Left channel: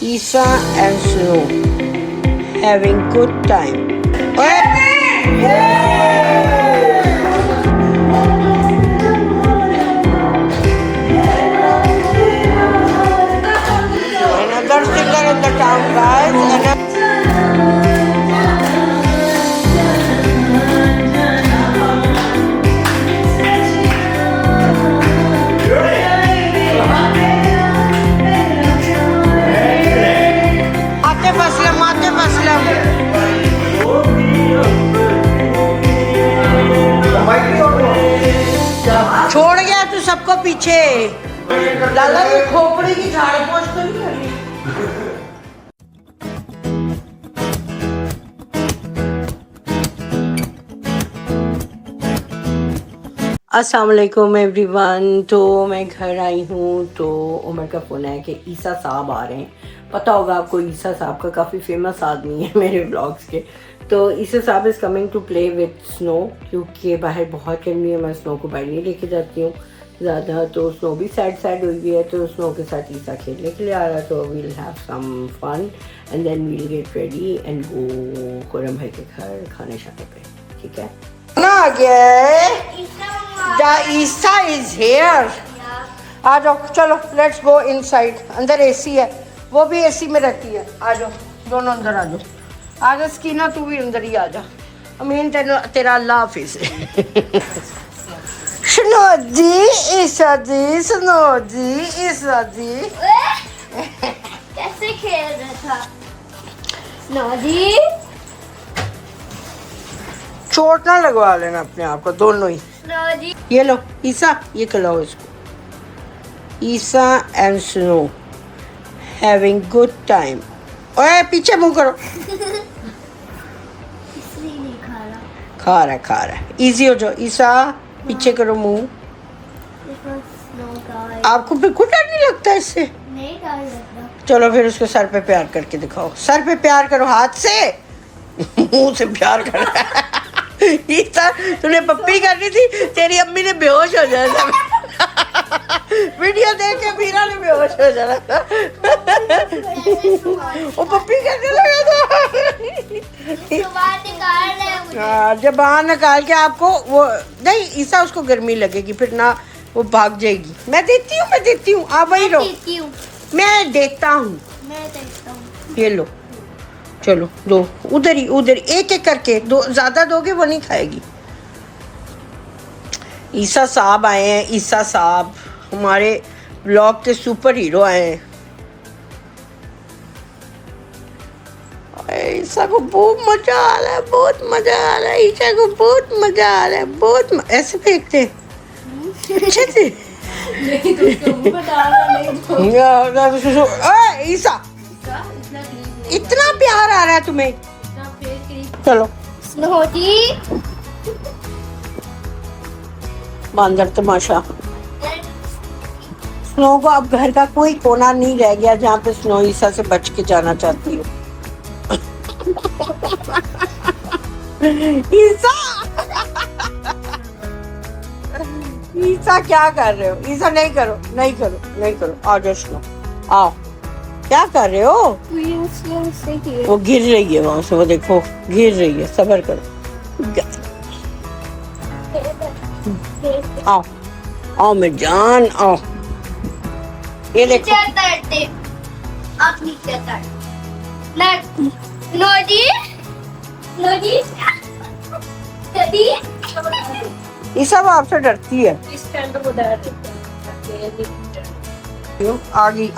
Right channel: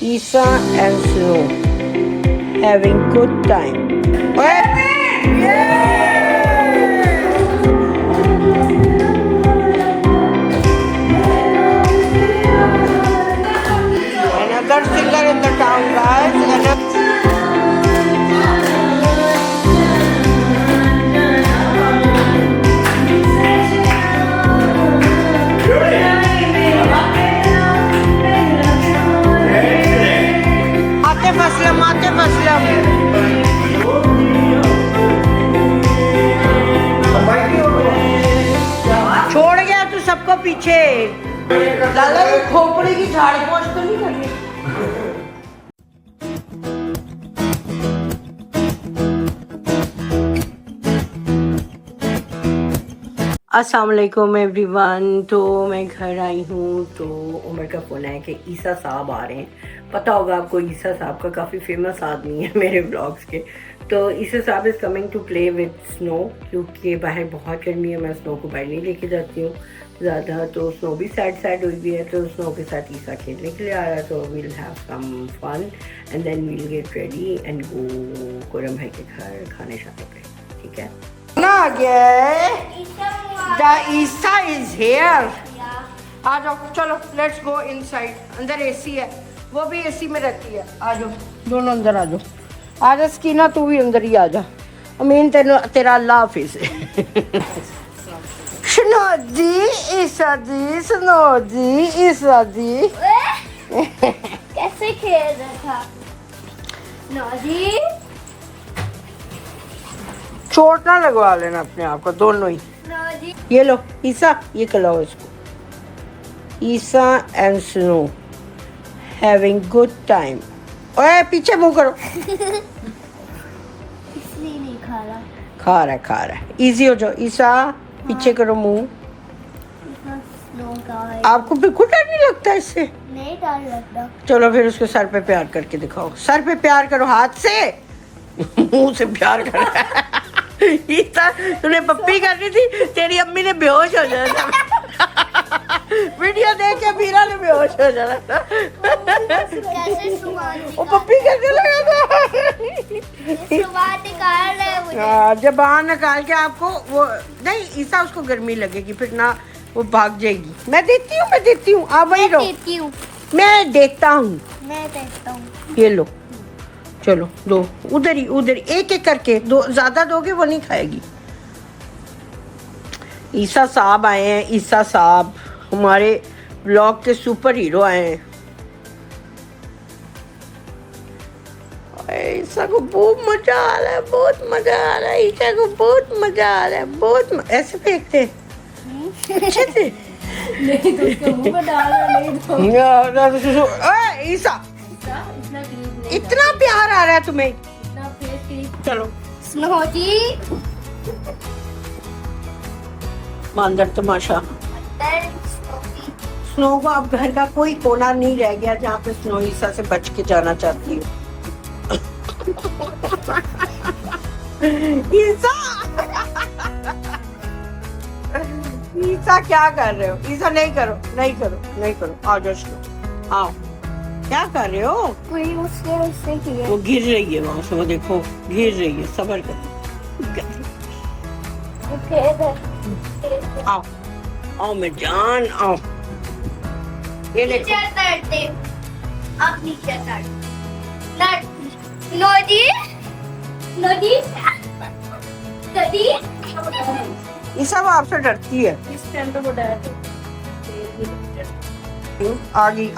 Isa and Snow having good time. Another singer in the town, guys. Atif Aslam छोड़ गया तू सबको पीछे। लाला ये खोपड़ी की झाड़ पोंछ तो नहीं कर रही? अस्सलाम वालेकुम एवरीवन। तो मैं घर आई हूँ तो उमर का फ़ोन है कि ईसा साहब आ रहे हैं। पता होगा आपको ईसा साहब का काफ़ी फेमस आदमी है मेरे ब्लॉग्स के। तो ईसा साहब is coming to play with snow, क्योंकि बाहर बहुत गर्मी है, मैं स्नो को बाहर नहीं लेके जाती हूँ ज़्यादा। तो स्नो भी सैड हुई हुई है, तो स्नो के साथ ईसा खेलने के लिए आ रहा है। तो we'll have some fun and then we'll get ready and go Khurram भाई के घर खाने शाने पे, ठीक है ना? आ गया The Isa is here. आ जाओ, चलो लेट्स गो इनसाइड। अंदर एसी है, वो भी एसी में रहती है। आ जाओ दोनों अंदर आ जाओ। आ गए स्कीना, तू भी अंदर ही आ जा। अमीन तेरा अल्लाह हाफिज। सुनो जी ईसा जी, सुनो जी ईसा जी। कैसे खेल रहा था सुनो जी? चोट ना लगवा लेना अपने आप को, दोनों ही। ये लो ईसा, ये खिलाओ इसको। Isa and snow having good time. ओए पीछे मुंह करो। इसलिए नहीं खा रहा है। इजी हो जाओ ईसा, पीछे करो मुंह। आपको बिल्कुल डर नहीं लगता इससे? नहीं डर लगता। चलो फिर उसको सर पे प्यार करके दिखाओ। सर पे प्यार करो, हाथ से। मुंह से प्यार कर। ईसा तूने पप्पी करनी थी, तेरी अम्मी ने बेहोश हो जाना था। वीडियो देख के मीरा ने बेहोश हो जाना था। वो पप्पी करने लगा था। जबान निकाल के आपको वो नहीं, ईसा उसको गर्मी लगेगी फिर ना, वो भाग जाएगी। मैं देती हूँ आप वही रहो। मैं देखता हूँ। ये लो, चलो दो, उधर ही एक करके दो। ज्यादा दोगे वो नहीं खाएगी। ईसा साहब आए हैं। ईसा साहब हमारे ब्लॉग के सुपर हीरो आए हैं। ईसा को बहुत मजा आ रहा है, बहुत मजा आ रहा है। ईसा को बहुत मजा आ रहा है, बहुत ऐसे फेंकते अच्छे से। ईसा इतना प्यार आ रहा है तुम्हें? चलो स्नो जी, बांदर तमाशा। स्नो को अब घर का कोई कोना नहीं रह गया जहाँ पे स्नो ईसा से बच के जाना चाहती हो। ईसा क्या कर रहे हो? ईसा नहीं करो। आ जाओ स्नो, आओ। क्या कर रहे हो? वो गिर रही है वहां से, वो देखो गिर रही है। सब्र करो। आओ मेरी जान, आओ। ये देखो आप नीचे ईसा वो आपसे डरती है। आगी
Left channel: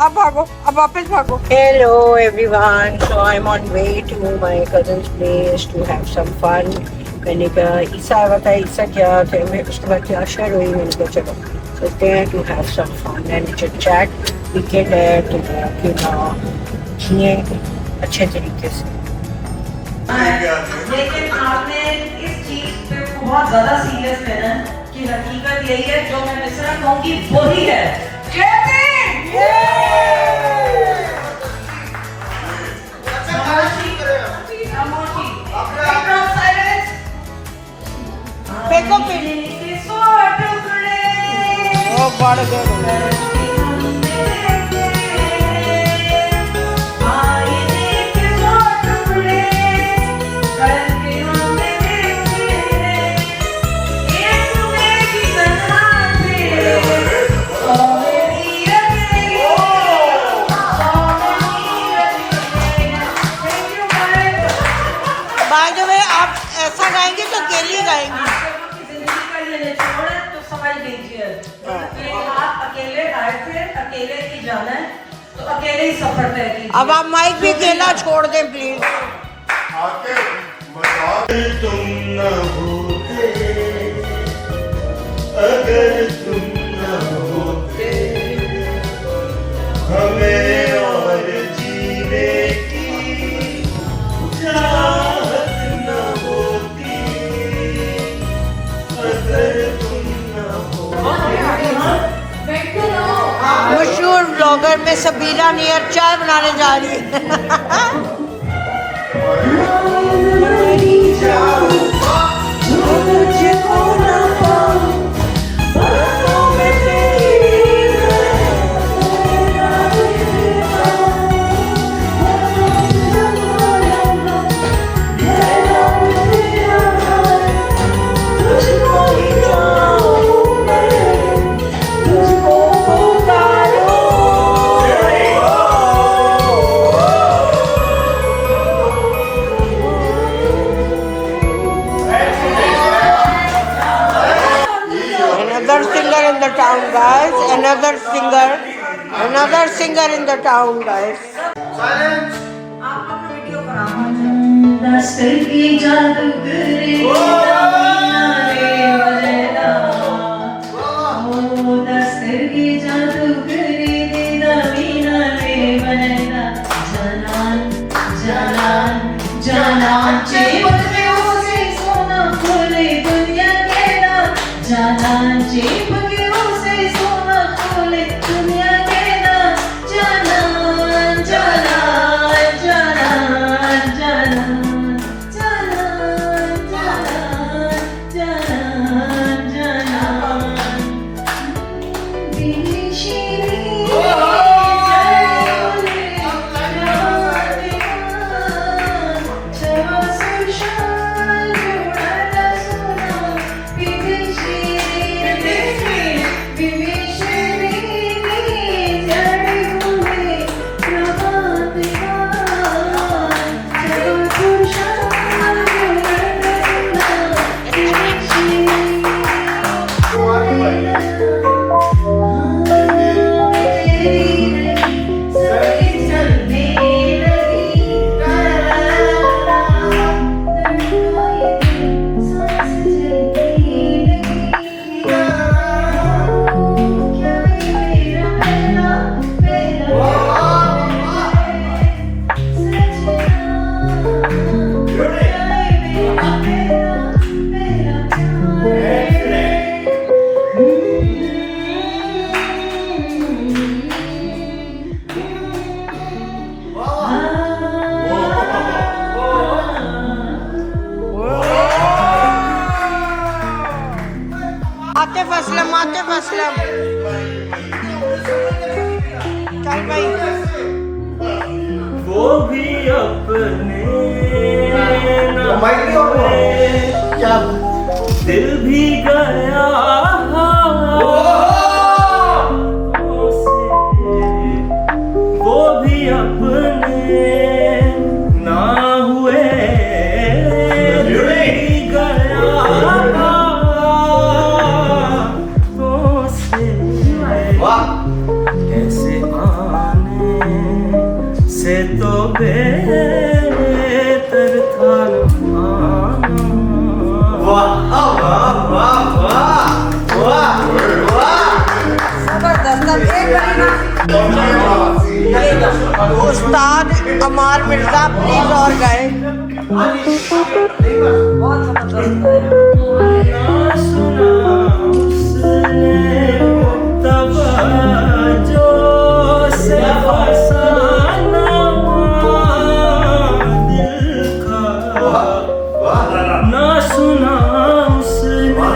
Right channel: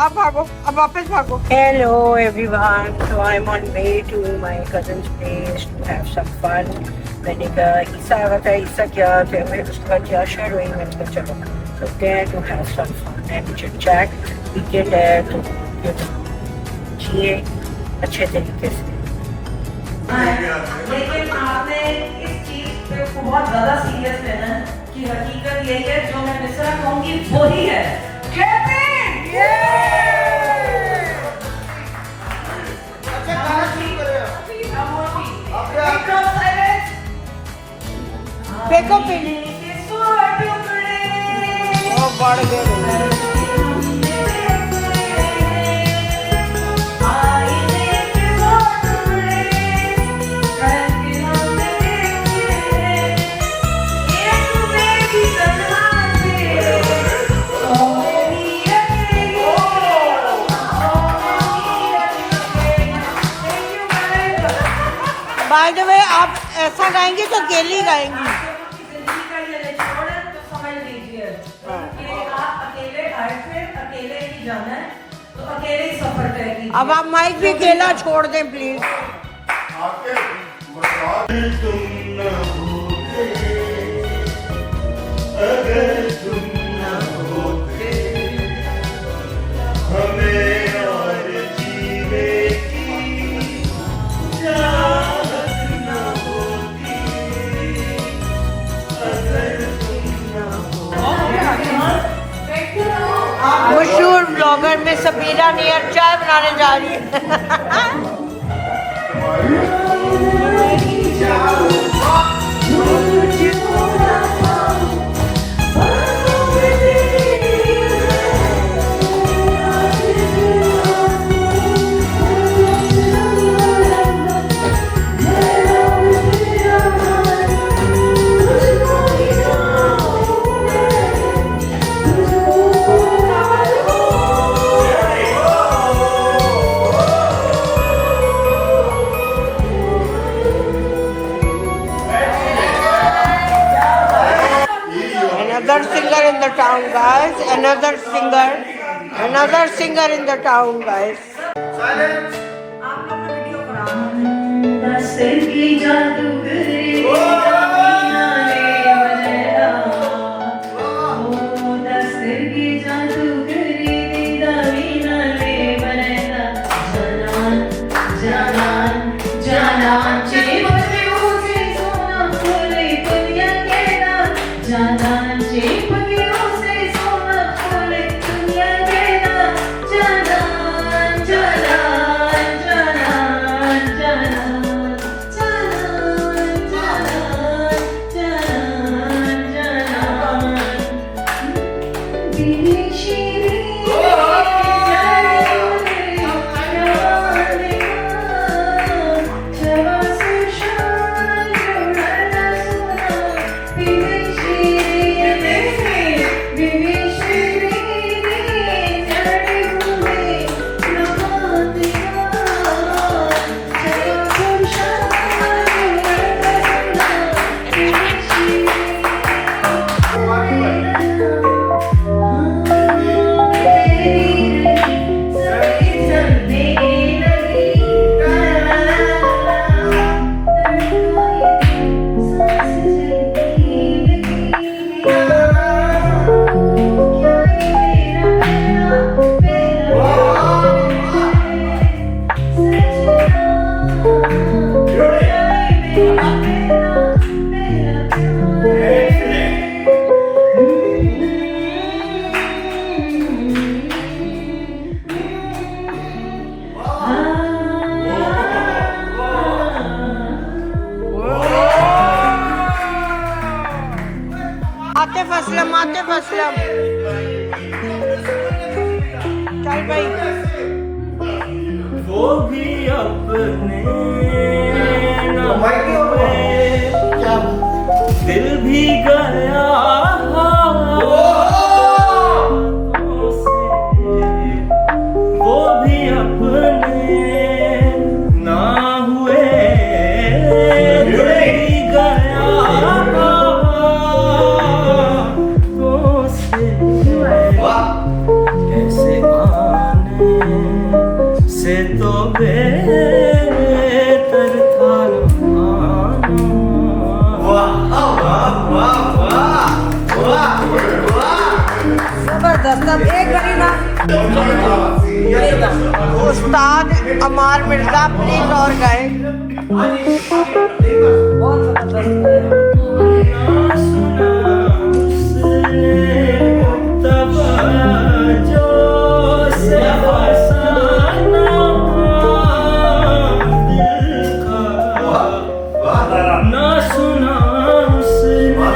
अब भागो, अब वापस भागो। Hello everyone, so I am on way to my cousin's place to have some fun. मैंने कहा ईसा आया था, ईसा क्या मैं उसके बाद क्या शेयर हुई, मैंने कहा चलो सोचते हैं to have some fun and chit chat. Weekend है तो क्यों ना जिए अच्छे तरीके से। लेकिन आपने इस चीज पे बहुत ज्यादा सीरियस लेना कि हकीकत यही है, जो मैं मिसरा कहूंगी वही है। फेंको फिर वो बढ़ गए बाय द वे आप ऐसा गाएंगे तो अकेली गाएंगी अब आप माइक भी अकेला छोड़ दें प्लीज अगर तुम न होते हमें और जीने की चाहत न होती अगर तुम न होते मशहूर ब्लॉगर में सबीरा नियर चाय बनाने जा रही है Another singer in the town, guys. Another singer in the town, guys. दस्तर की जादूगरी दस्तर की जादूगरी दीना ले बनेना जाना जाना चेप के उसे सोना खोले दुनिया के ना जाना चेप के उसे सोना खोले दुनिया के ना जाना जाना जाना जाना आतिफ असलम चल भाई वो भी अपने न हुए दिल भी गया वो भी अपने ना हुए दिल भी गया ऐसे आने से तो बेहतर था उस्ताद अमार मिर्जा प्लीज और गए ना सुना उसने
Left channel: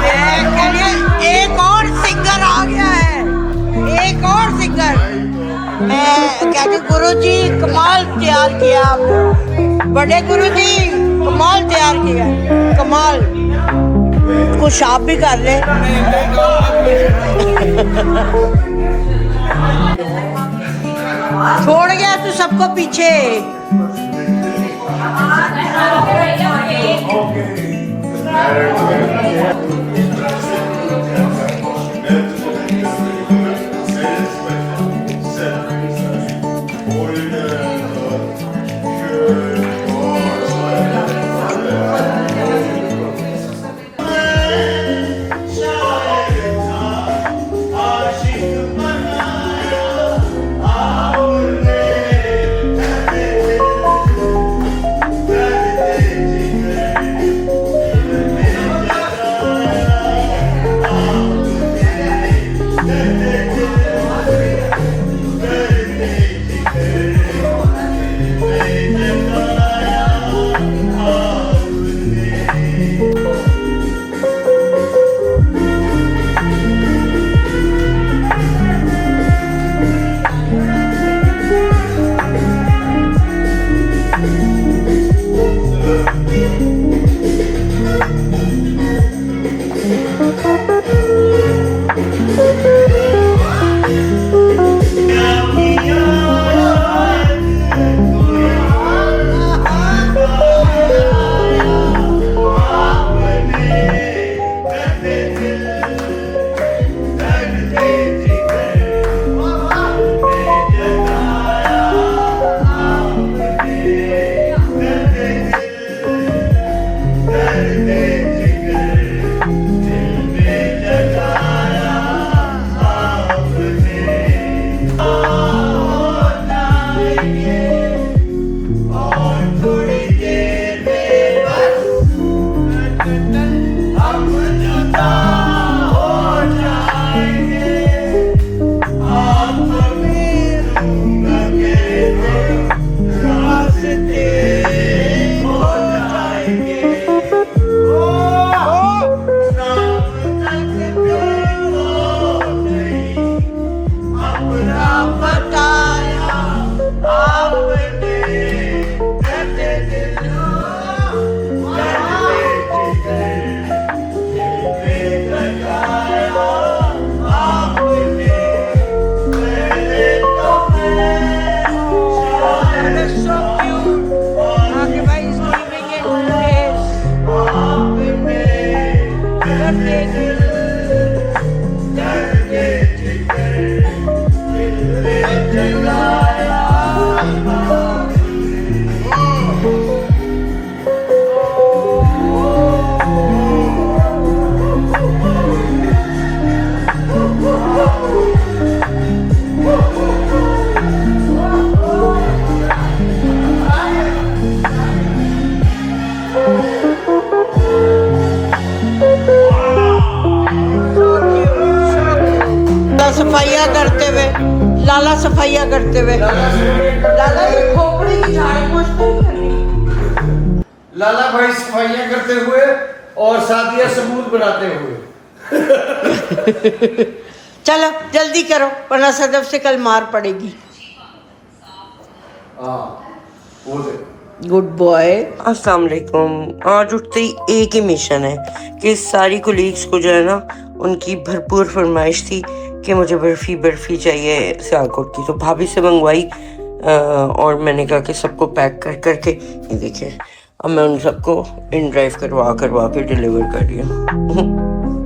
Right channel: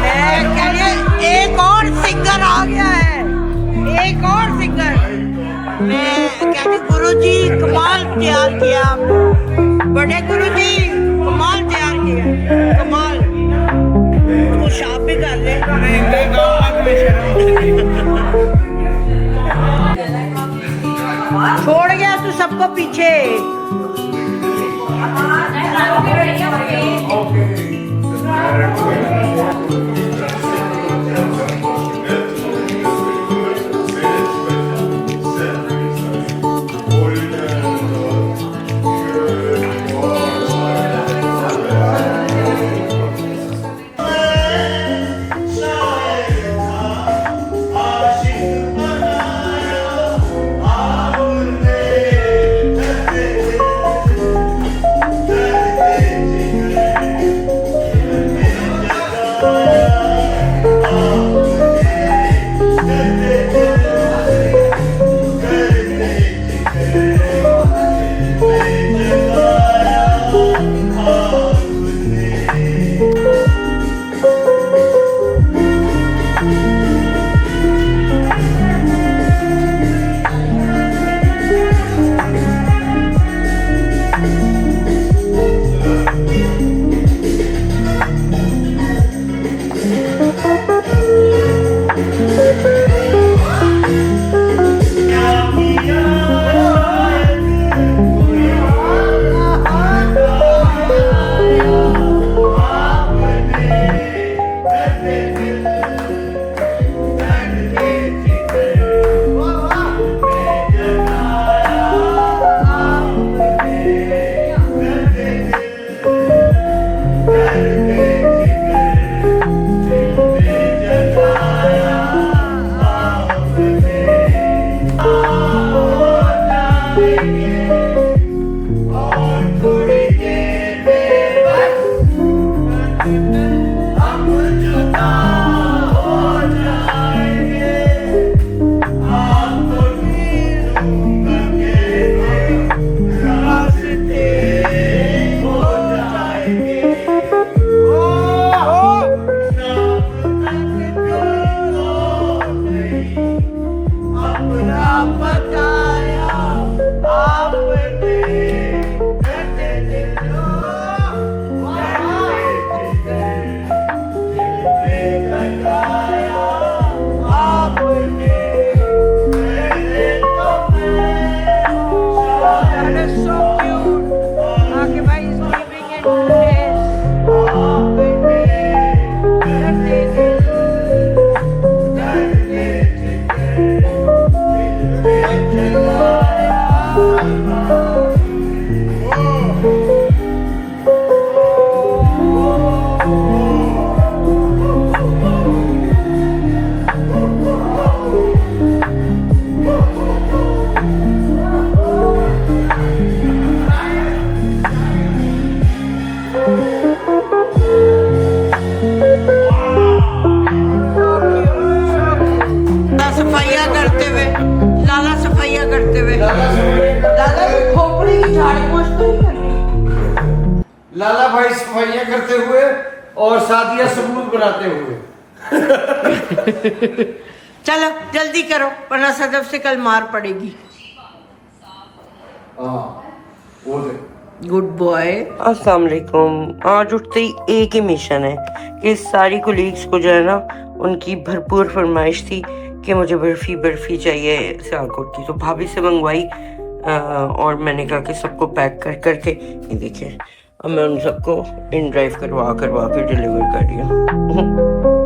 मैं कह रही हूं, एक और सिंगर आ गया है, एक और सिंगर। मैं कह रही गुरुजी कमाल तैयार किया आपने, बड़े गुरुजी कमाल तैयार किया, कमाल। कुछ आप भी कर ले। छोड़ गया तू सबको पीछे। सफाइयाँ करते हुए, लाला सफाइयाँ करते हुए, लाला ये खोपड़ी की झाड़ू पोंछ तो नहीं करनी। लाला भाई सफाइयाँ करते हुए और शादियाँ सबूत बनाते हुए। चलो जल्दी करो वरना सदफ से कल मार पड़ेगी। Good boy. अस्सलाम वालेकुम। आज उठते ही एक ही मिशन है कि सारी कोलीग्स को जो है ना उनकी भरपूर फरमाइश थी कि मुझे बर्फ़ी चाहिए सियालकोट की, तो भाभी से मंगवाई और मैंने कहा कि सबको पैक कर करके ये देखिए अब मैं उन सबको इन ड्राइव करवा के डिलीवर कर रही हूँ।